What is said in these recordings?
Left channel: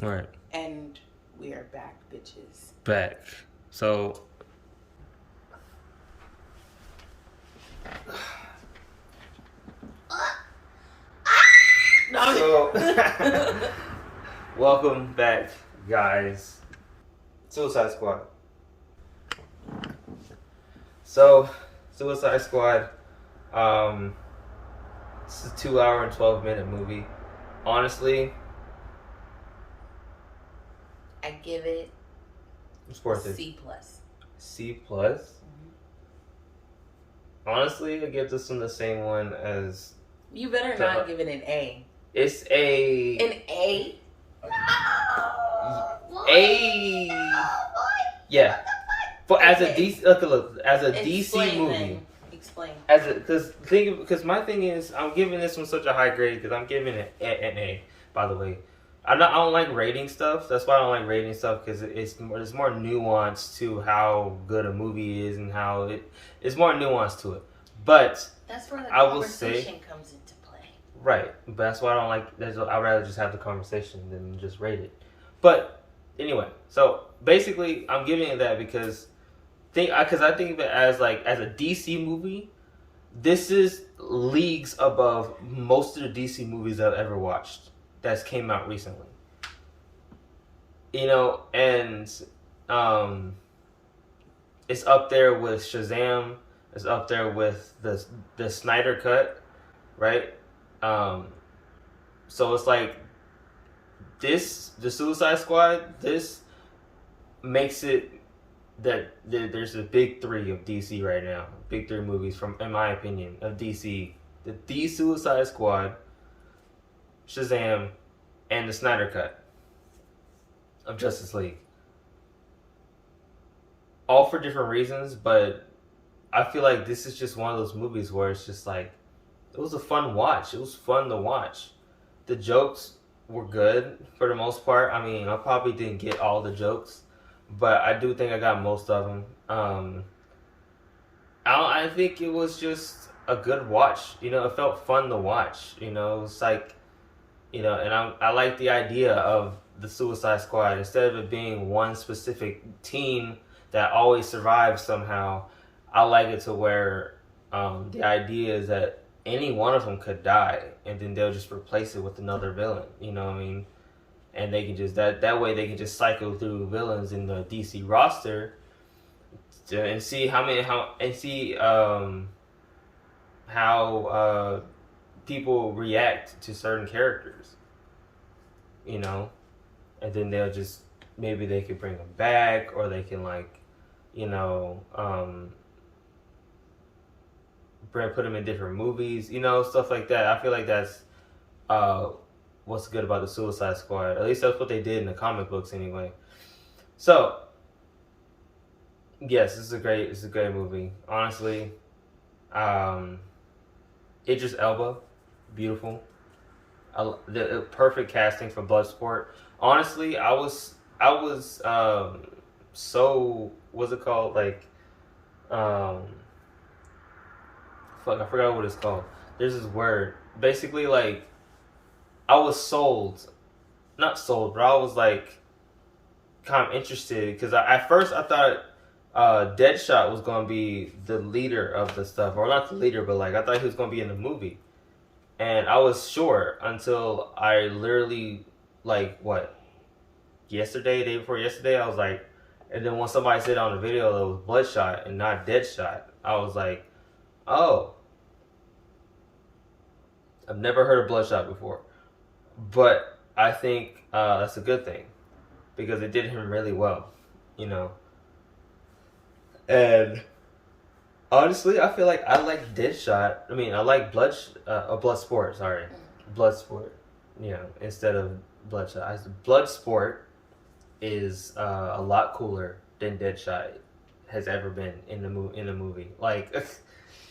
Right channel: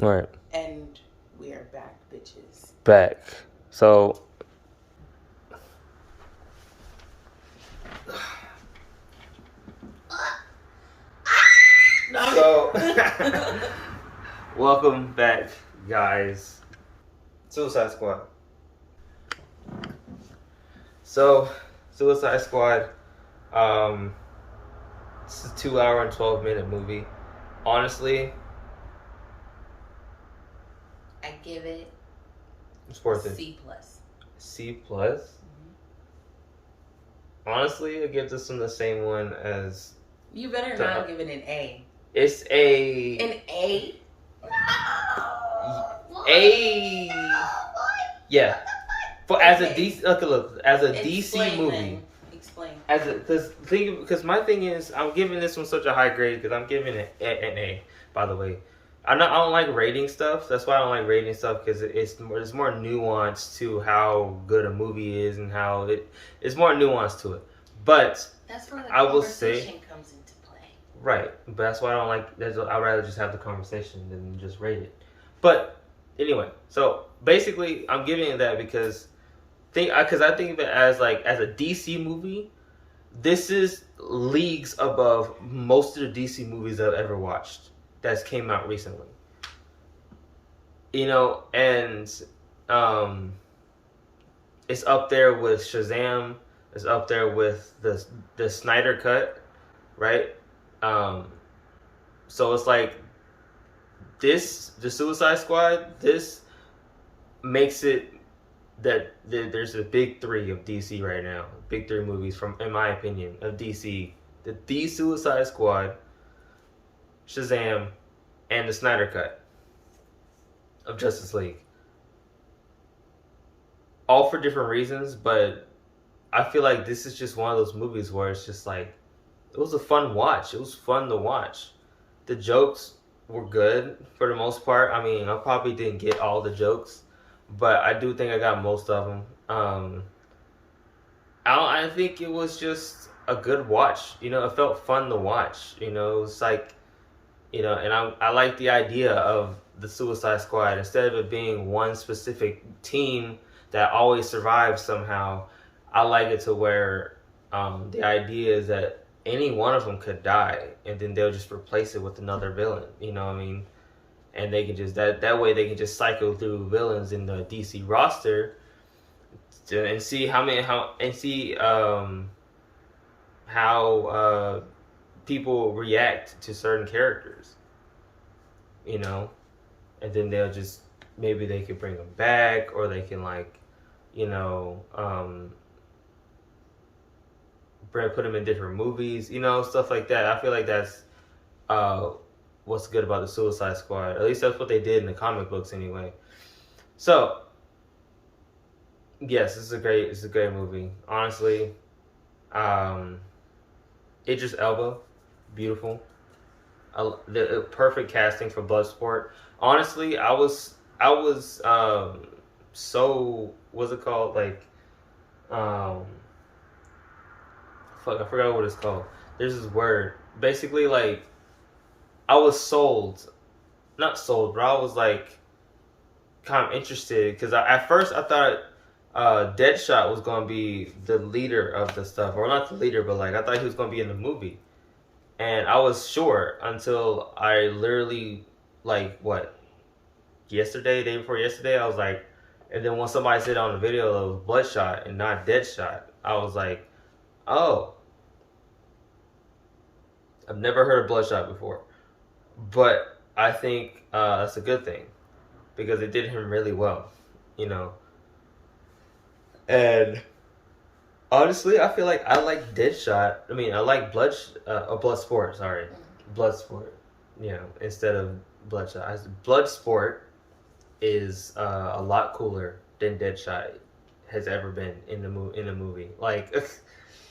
Right. And we are back, bitches. Back. So. So. Welcome back, guys. Suicide Squad. So, Suicide Squad. It's a 2 hour and 12-minute movie. Honestly, I give it it's worth it. C plus. C plus. Honestly, I give this one the same one as. You better not give it an A. It's a. An A. No. A. Yeah. For as a DC, look, as a DC movie. Then. Explain. Because my thing is, I'm giving this one such a high grade because I'm giving it an A. By the way, I don't like rating stuff. That's why I don't like rating stuff because it's more nuanced to how good a movie is and how it's more nuanced to it. But that's where the I will say comes into play. Right, but that's why I don't like. I'd rather just have the conversation than just rate it. But anyway, so basically, I'm giving it that because I think of it as as a DC movie. This is leagues above most of the DC movies I've ever watched that's came out recently. And it's up there with Shazam. It's up there with the Snyder Cut, right? So it's like the Suicide Squad. This makes it that there's a big three of DC right now. Big three movies in my opinion, of DC: the Suicide Squad, Shazam, and the Snyder Cut of Justice League. All for different reasons, but I feel like this is just one of those movies where it's just like it was a fun watch. It was fun to watch. The jokes were good for the most part. I mean, I probably didn't get all the jokes, but I do think I got most of them. I think it was just a good watch. It felt fun to watch. It was like, and I like the idea of the Suicide Squad. Instead of it being one specific team that always survives somehow, I like it to where the idea is that any one of them could die, and then they'll just replace it with another villain. You know what I mean? And they can just that way they can just cycle through villains in the DC roster and see how people react to certain characters. And then they'll just maybe they could bring them back, or they can put them in different movies, stuff like that. I feel like that's what's good about the Suicide Squad. At least that's what they did in the comic books anyway. So, yes, it's a great movie. Honestly, Idris Elba, beautiful. The perfect casting for Bloodsport. Honestly, I was so what's it called? Fuck, I forgot what it's called. There's this word. Basically, I was sold. Not sold, but I was kind of interested because at first I thought Deadshot was going to be the leader of the stuff, or not the leader, but I thought he was going to be in the movie, and I was sure until I literally day before yesterday, I was like, and then when somebody said on the video that it was Bloodshot and not Deadshot, I was like, oh, I've never heard of Bloodshot before, but I think that's a good thing because it did him really well, And honestly, I feel like I like Deadshot. I mean, I like Bloodsport. Sorry, Bloodsport. Instead of Bloodshot, Bloodsport is a lot cooler than Deadshot has ever been in the movie.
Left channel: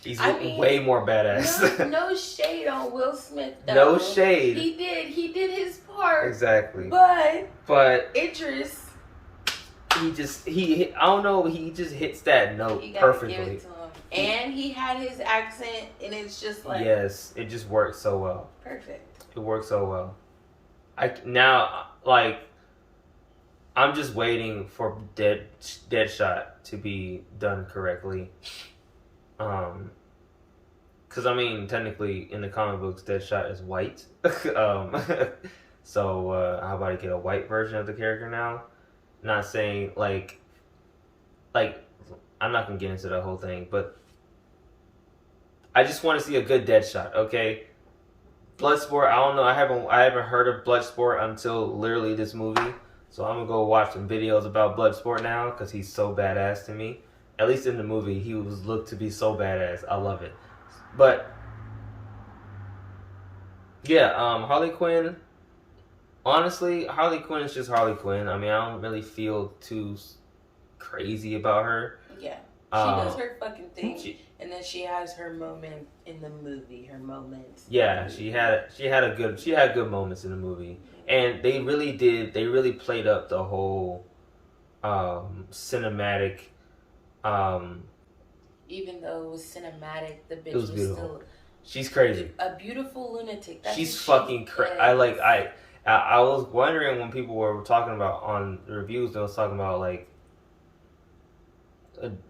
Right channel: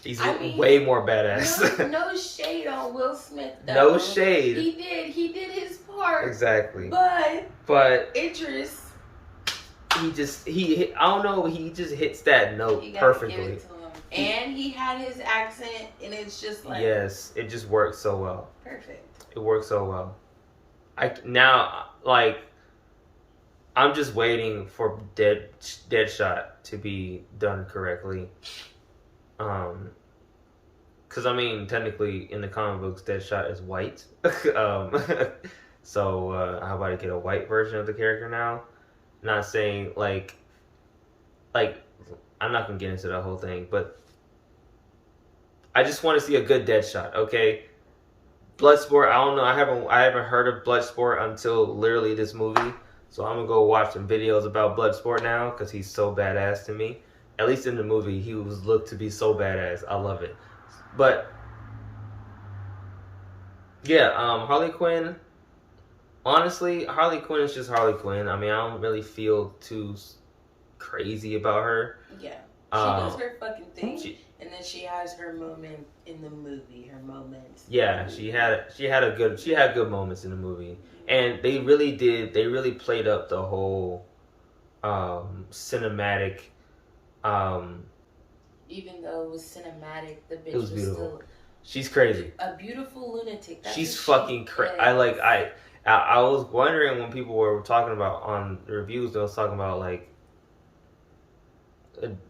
He's way more badass. No shade on Will Smith, though. No shade. He did his part. Exactly. But Idris, I don't know, he just hits that note perfectly. Give it to him. And he had his accent, and it's just yes, it just works so well. Perfect. It works so well. I'm just waiting for Deadshot to be done correctly. Because I mean, technically, in the comic books, Deadshot is white. So how about I get a white version of the character now? Not saying like I'm not gonna get into the whole thing, but I just want to see a good Deadshot. Okay, Bloodsport. I don't know. I haven't heard of Bloodsport until literally this movie. So I'm gonna go watch some videos about Bloodsport now because he's so badass to me. At least in the movie, he was looked to be so badass. I love it. But yeah, Harley Quinn. Honestly, Harley Quinn is just Harley Quinn. I mean, I don't really feel too crazy about her. Yeah, she does her fucking thing, and then she has her moment in the movie. Her moments. Yeah, she had good moments in the movie, and they really played up the whole cinematic. Even though it was cinematic, the bitch was still. She's crazy. A beautiful lunatic. That's She's fucking crazy. I was wondering when people were talking about on the reviews, they was talking about like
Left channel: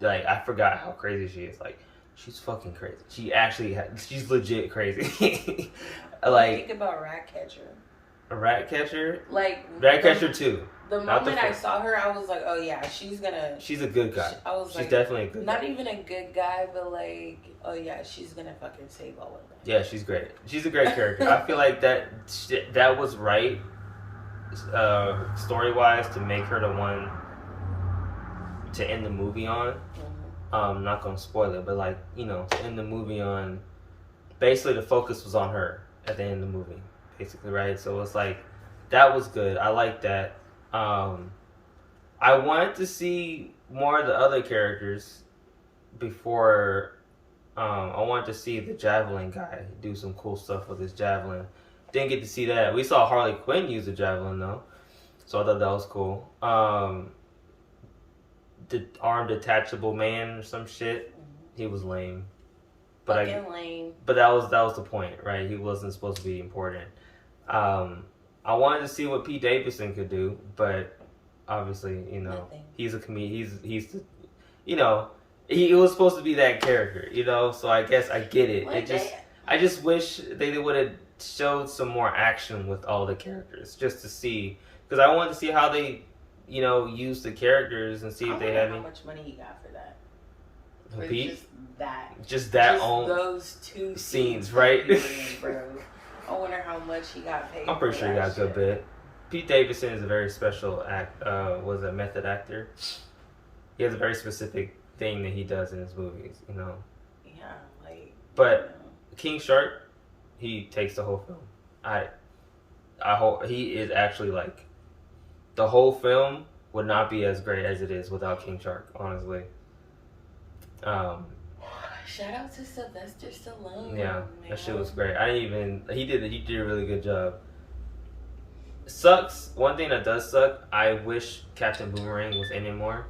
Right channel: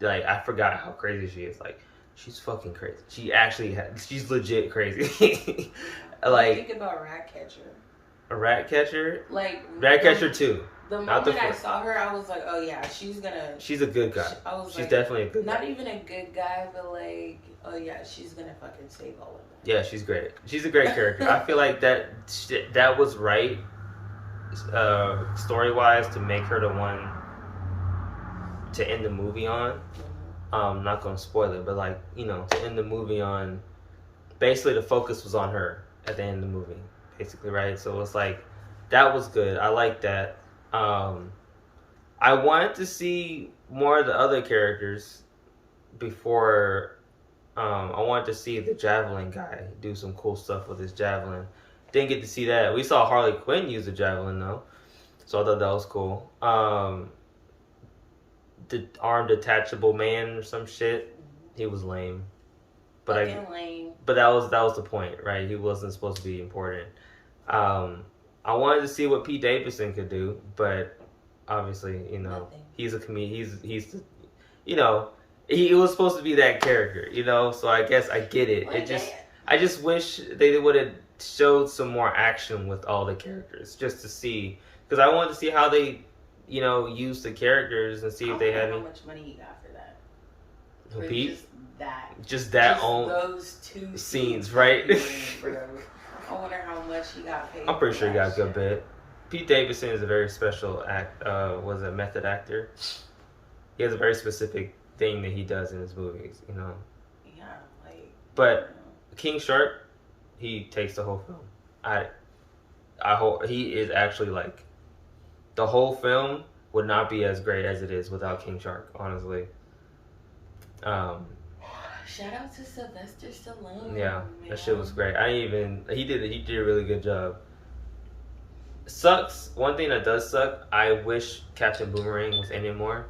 I forgot how crazy she is. Like, she's fucking crazy. She's legit crazy. Think about Ratcatcher. A Ratcatcher? Like Ratcatcher 2. The moment I saw her, I was like, oh yeah, she's a good guy. She's definitely a good guy. Not even a good guy, but like, oh yeah, she's gonna fucking save all of them. Yeah, she's great. She's a great character. I feel like that was right, story-wise, to make her the one to end the movie on. Mm-hmm. Not gonna spoil it, but like, to end the movie on, basically the focus was on her at the end of the movie, basically, right? So it's like, that was good. I like that. I wanted to see more of the other characters before. I wanted to see the javelin guy do some cool stuff with his javelin. Didn't get to see that. We saw Harley Quinn use the javelin though, so I thought that was cool. The arm detachable man or some shit. He was lame. But lame. But that was the point, right? He wasn't supposed to be important. I wanted to see what Pete Davidson could do, but obviously, Nothing. He's a comedian. He's the, he was supposed to be that character, So I guess I get it. I just wish they would have showed some more action with all the characters, just to see, because I wanted to see how they, use the characters and see if they had how much money he got for that. For Pete? Just those two scenes, right? Bro. I wonder how much he got paid. I'm pretty sure he got a good bit. Pete Davidson is a very special method actor. He has a very specific thing that he does in his movies, Yeah, But King Shark, he takes the whole film. I hope he is actually like, the whole film would not be as great as it is without King Shark, honestly. Shout out to Sylvester Stallone. Yeah, that shit was great. He did a really good job. Sucks. One thing that does suck, I wish Captain Boomerang was in it more.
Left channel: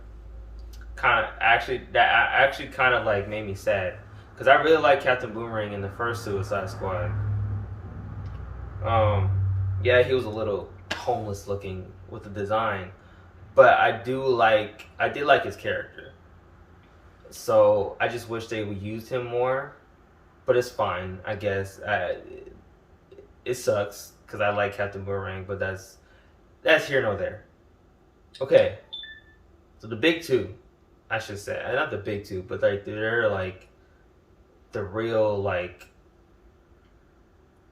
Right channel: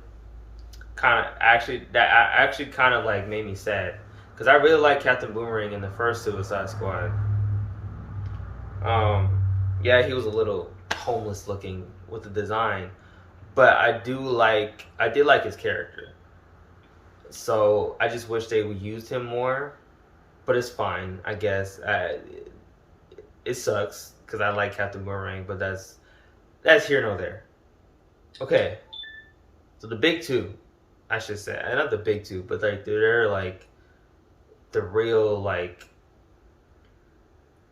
That actually kind of like made me sad, because I really like Captain Boomerang in the first Suicide Squad. Yeah, he was a little homeless looking with the design, but I did like his character. So I just wish they would use him more, but it's fine, I guess. It sucks because I like Captain Boomerang, but that's here nor there. Okay, so the big two, I should say, not the big two, but like they're like the real like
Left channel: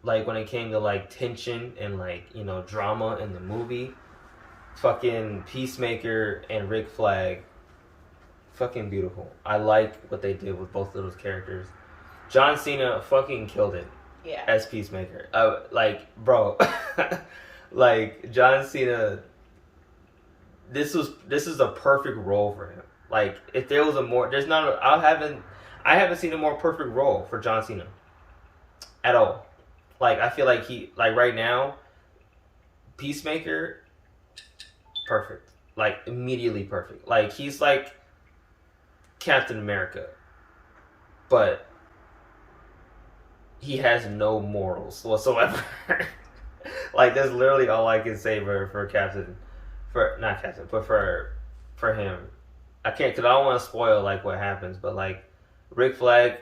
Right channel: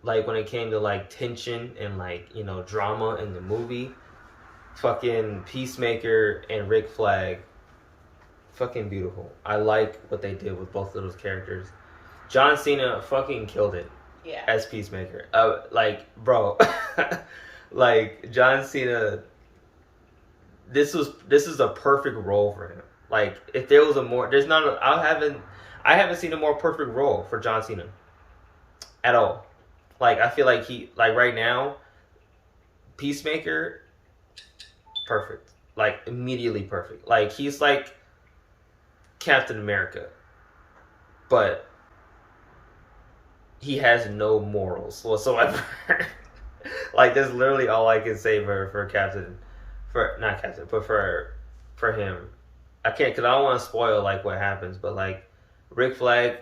when it came to like tension and like drama in the movie, fucking Peacemaker and Rick Flag. Fucking beautiful. I like what they did with both of those characters. John Cena fucking killed it. Yeah. As Peacemaker. Bro. Like, John Cena, this is a perfect role for him. Like, if there was I haven't seen a more perfect role for John Cena. At all. Like, I feel like right now, Peacemaker, perfect. Like, immediately perfect. Like, he's like Captain America, but he has no morals whatsoever. Like, that's literally all I can say for for not Captain, but for him. I can't because I don't want to spoil like what happens, but like Rick Flag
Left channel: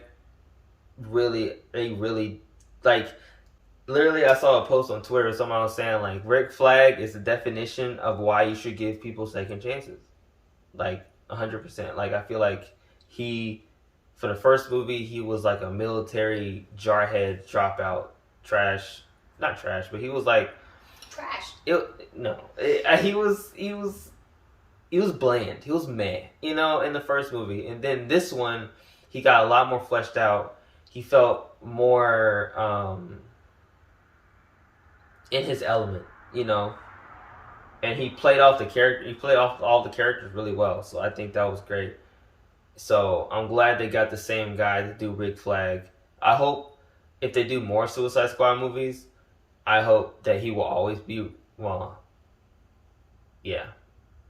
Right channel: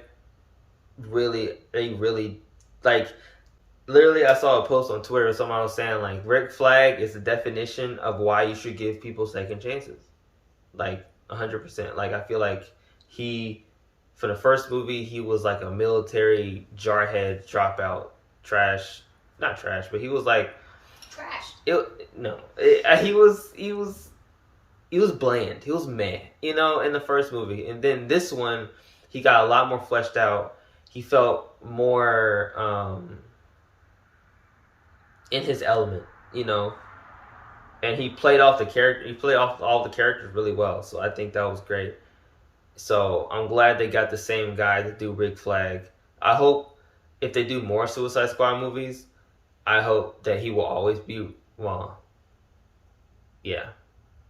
really like literally I saw a post on Twitter someone was saying like Rick Flag is the definition of why you should give people second chances. Like 100%. Like I feel like he for the first movie he was like a military jarhead dropout not trash, but he was like trash. He was bland. He was meh, you know, in the first movie. And then this one, he got a lot more fleshed out. He felt more in his element, you know. And he played off the character. He played off all the characters really well. So I think that was great. So I'm glad they got the same guy to do Rick Flag. I hope if they do more Suicide Squad movies, I hope that he will always be yeah.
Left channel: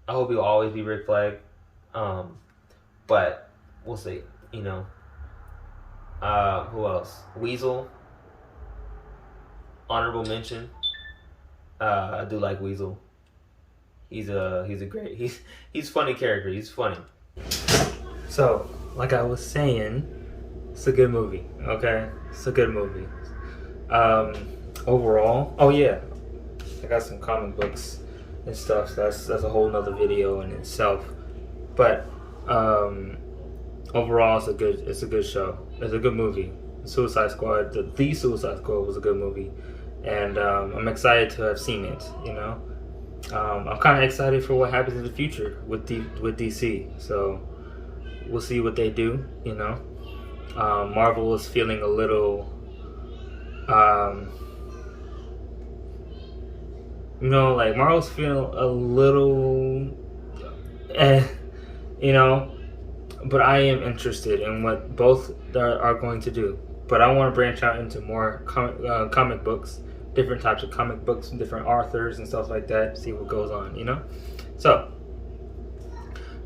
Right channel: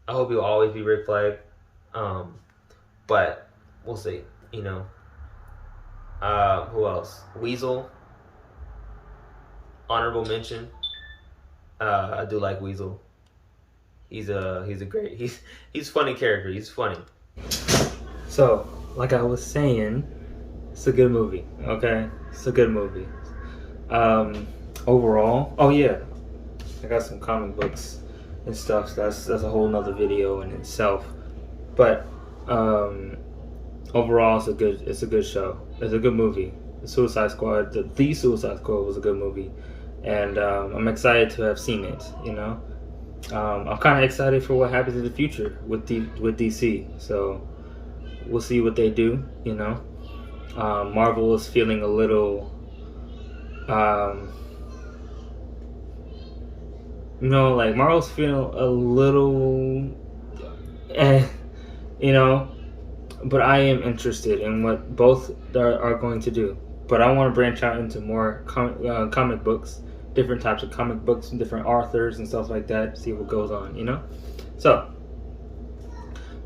I hope he'll always be Rick Flag. But we'll see, you know. Who else? Weasel. Honorable mention. I do like Weasel. He's a great he's a funny character. He's funny. So, like I was saying, it's a good movie. Okay? It's a good movie. Overall, oh yeah. I got some comic books and stuff. So that's a whole nother video in itself. But overall, it's a good show. It's a good movie. The Suicide Squad was a good movie, and I'm excited to have seen it. You know, I'm kind of excited for what happens in the future with DC. So we'll see what they do. You know, Marvel is feeling a little. Like Marvel's feeling a little, you know, but I am interested in what both are going to do. But I want to branch out into more comic books, different types of comic books, different authors and stuff like that. See what goes on, you know. So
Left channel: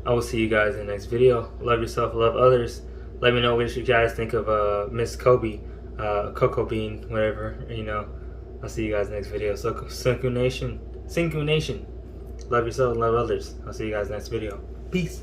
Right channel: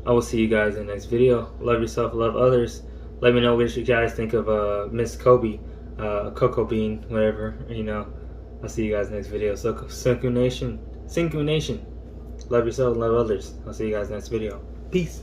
I will see you guys in the next video. Love yourself, love others. Let me know what you guys think of Miss Kobe, Cocobean, whatever, you know. I'll see you guys next video. So, Senku Nation. Love yourself, love others. I'll see you guys next video. Peace.